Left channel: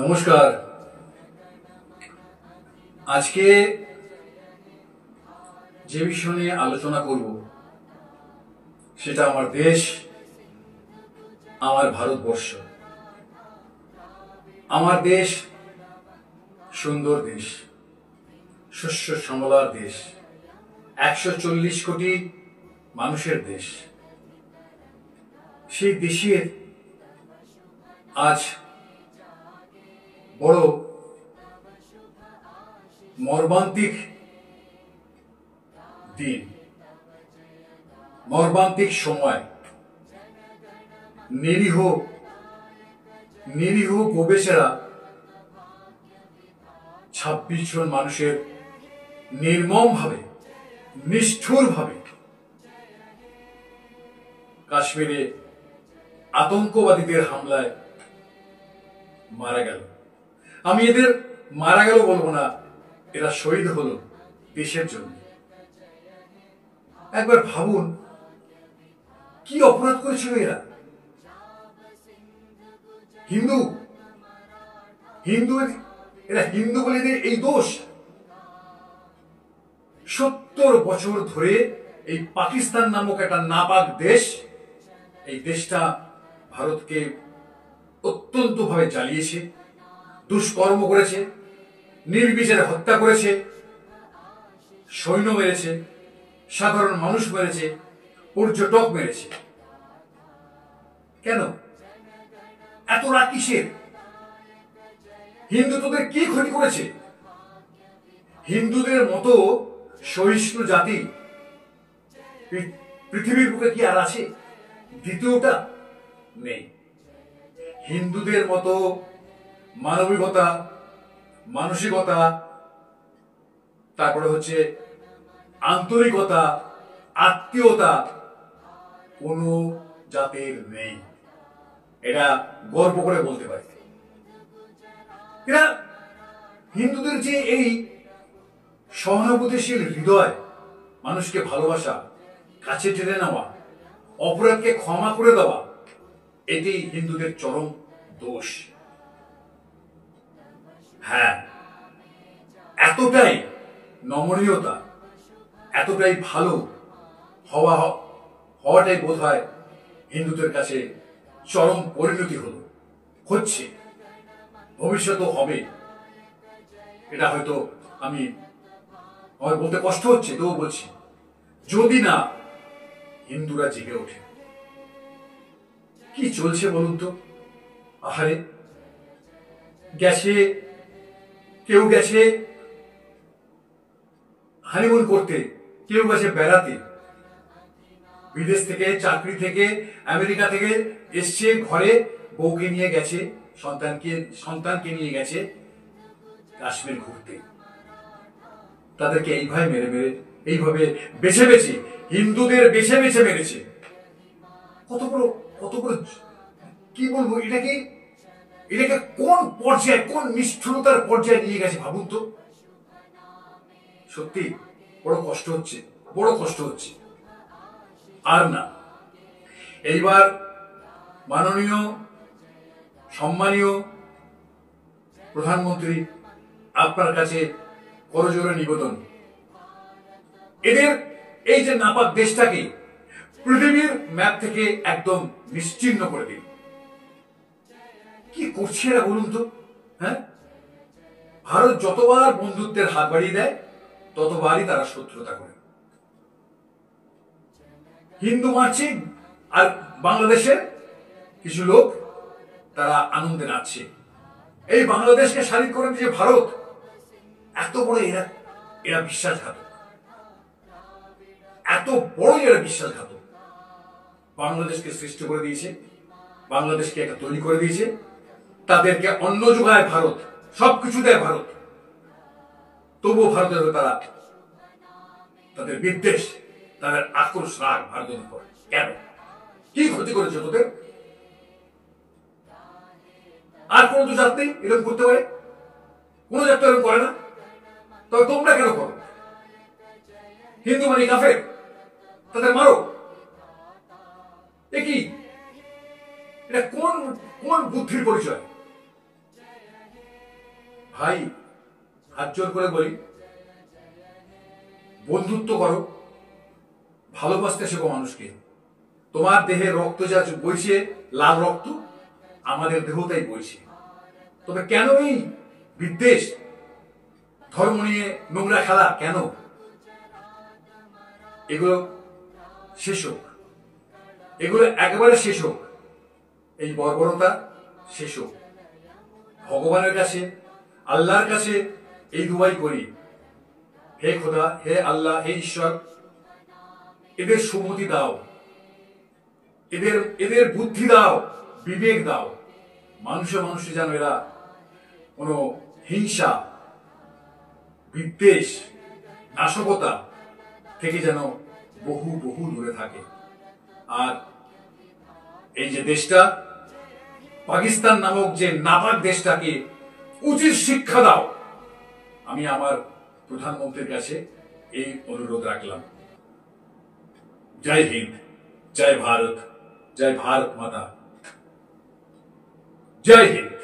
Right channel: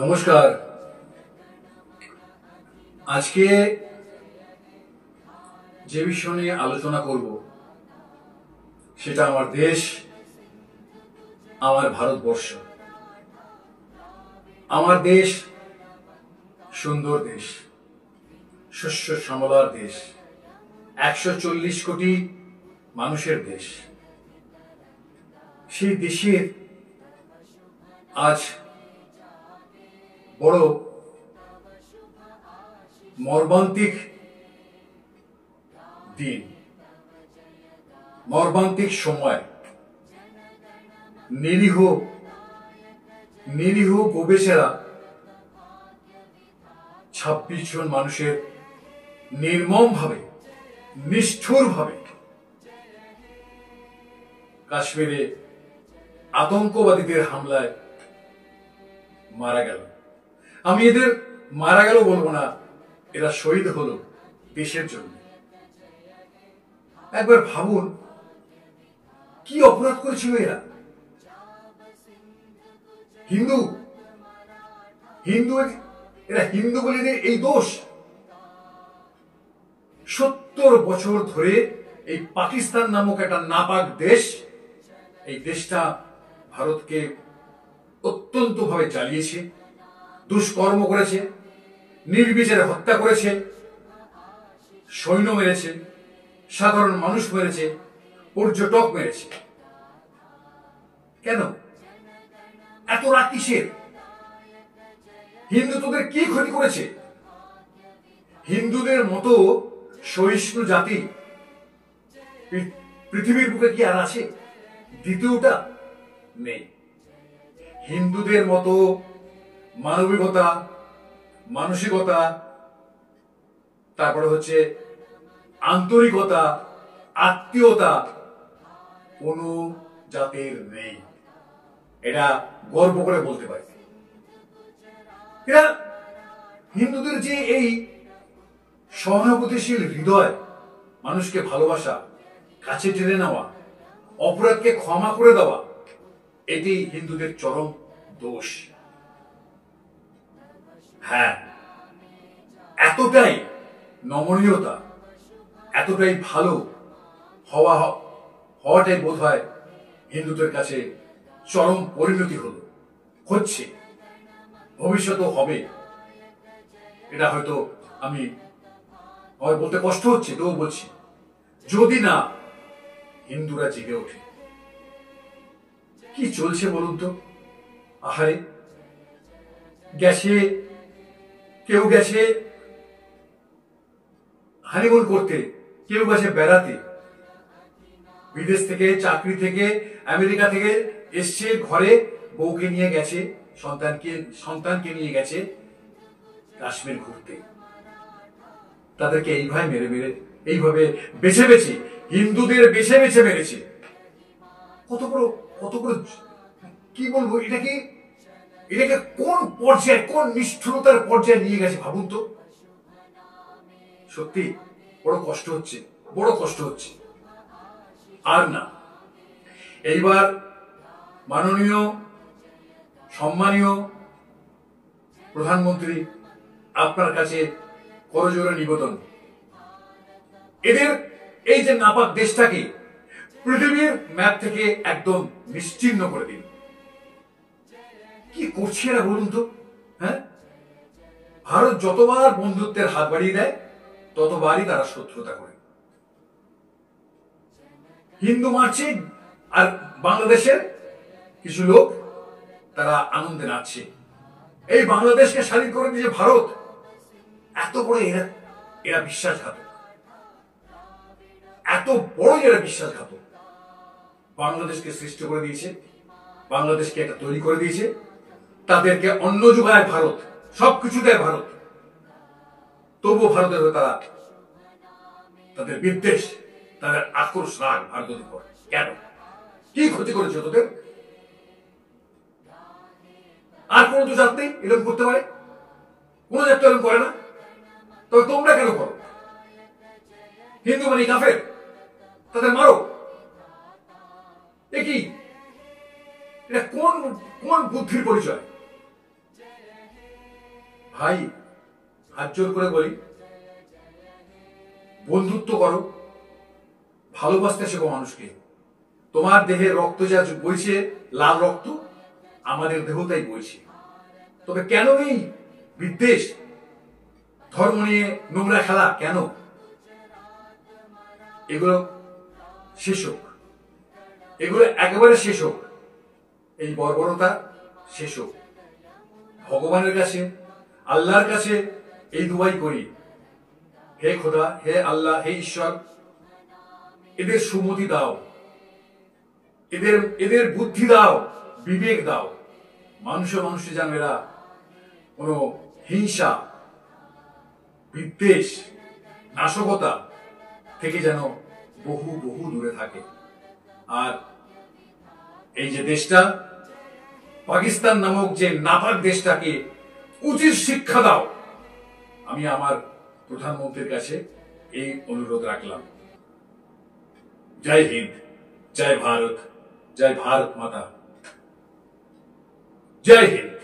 নমস্কার। আজকে যে বিষয় নিয়ে আলোচনা করব সেটা আমার দেশ, আমার ভারতবর্ষ। আমার দেশ সুন্দর দেশ, শস্য শ্যামলার দেশ, 140 কোটি মানুষের দেশ। সেই দেশের আজ বড় মর্মান্তিক দিন, মর্মান্তিক সময়। নিরীহ গোবেচারা 26 জন মানুষের নির্মমভাবে, নিষ্ঠুরভাবে কাশ্মীরে আতঙ্কবাদীদের হামলায় মারা গেল। আমি এদের মারা গেল বলবো না, এরা শহীদ হলো দেশের জন্য। একবার ভাবুন, কি অপরাধ করেছিল এরা। এরা হিন্দু বলে এদের এই দোষ। 70 বছর ধরে এই পাকিস্তান নামক একটা নাপাক দেশ, এই দেশটা ভারতকে অত্যন্ত ভাবে জ্বালিয়েছে, দুষ্কর্ম করেছে, নির্বিচারে হত্যা করেছে, সৈন্য মেরেছে, সাধারণ মানুষ মেরেছে, পর্যটক মেরেছে। কেন এত রাগ কিসের? হিন্দু তোদের কি ক্ষতি করেছে? হিন্দুদের মতো সহিষ্ণু জাতি পৃথিবীর বুকে কি আর আছে? দ্বিতীয়টা নেই। হিন্দুদের মতো মানবিকতা, মানসিকতা, তারপরে হচ্ছে আন্তরিকতা, আত্মীয়তা কোনো জাতির নেই। এটা গর্ব করে বলতে পারি। এরা হিন্দুদের যে এই সহানুভূতিশীল হৃদয়, মানুষকে ভালোবাসা, কাছে টেনে নেওয়া, অপরাধকে ক্ষমা করে দেওয়া, এটি হিন্দুদের চরম দোষ। হ্যাঁ, এতটাই নমনীয়তা, এতটাই ভালো হওয়াটাই বোধ হয় হিন্দুদের কাছে চরম পরিণতি হচ্ছে, ভবিষ্যতেও হবে। এটা হয়তো আমার বলতে কষ্ট হচ্ছে, তবু বলছি, যদি না হিন্দুরা জেগে ওঠে। কি চলছে বলুন তো? আহারে, কেউ গেছে হানিমুন করতে, কেউ গেছে বেড়াতে, বিদেশ থেকে, চাকরি থেকে, আমেরিকা থেকে এসছে, ঘরে বউকে নিয়ে গেছে, সন্তানকে নিয়ে গেছে কাশ্মীর ঘুরতে। তাদেরকে এইভাবে বেছে বেছে, হিন্দুদের বেছে বেছে মেরেছে। কত বড় কি বলবো, এটাকে কোন পর্যায়ে, কোন নিষ্ঠুরতার পর্যায়ে নিয়ে গেছে ভাবুন তো। সত্যি বড় কষ্ট হচ্ছে। আর না, এইবার মাননীয় সম্মানীয় প্রধানমন্ত্রী, আপনার কাছে করজোড়ে নিবেদন, এদের এই যে নাপাক দেশটাকে পৃথিবীর ম্যাপ থেকে একদম নিশ্চিহ্ন করে দিন। কি করছে এরা বলুন তো? হ্যাঁ, ভারত যতবার বন্ধুত্বের হাত বাড়িয়ে দেয়, ততবারই তারা শত্রুতা করে। হিন্দু মারছে, আর বাংলাদেশের কিছু লোক তারা আনন্দে নাচছে। এই বাংলাদেশকে স্বাধীন করে দিয়েছে ভারত। এত বড় এরা বিশ্বাসঘাতক, এত বড় এরা বিশ্বাসঘাতক। বাংলাদেশকে সৃষ্টি করে দিয়েছে, বাংলাদেশকে একটা তৈরি করে দিয়েছে, তাদেরকে অন্ন যোগায় ভারত, সবকিছু দেয় ভারত। তবুও ভারতের হয়ে তাদের বিদ্বেষ, তাদের আক্রোশ, রাগ ভারতের উপর। কেন? কি ক্ষতি করেছে তোদের? আর কোন তো জাত নেই এরকম করতে পারে? কোন জাত তো এরকম করে না, তবে তোমরা কেন করো? হিন্দু মানে কাফের, তাদের মারো। এ কি? এটা কোন বুদ্ধির পরিচয়? ভাই, হাত জোর করে বলি, বন্ধুত্ব করো, ভালোবাসতে শেখো মানুষকে। তোমার দেহে রক্ত যা বইছে, লাল রক্ত, আমাদের দেহ তাই বইছে। তবে কেন এই বিদ্বেষ, ধর্ম নিয়ে নোংরা খেলা কেন? এগুলো শেষ হোক, এগুলো একেবারে শেষ হোক। এই বর্বরতা শেষ হোক। ভগবানের কাছে, আল্লাহর কাছে এই দুয়াই করি, হে খোদা, হে আল্লাহ, হে ঈশ্বর, এদের সুমতি দাও, এদের বুদ্ধি দাও, বিবেক দাও। মানুষে মানুষে যেন এরা কোনো হিংসা, বিদ্বেষ, নাশকতা থেকে যেন বহু বহু দূরে থাকে। আর এই যে দেশটা, পাকিস্তান নামক যে নাপাক দেশটাকে উচিত শিক্ষা দাও, আমি আমার প্রধানমন্ত্রীর কাছে এই অনুরোধ রাখলাম। জয় হিন্দ, জয় ভারত, জয় ভারত মাতা, জয় হিন্দ।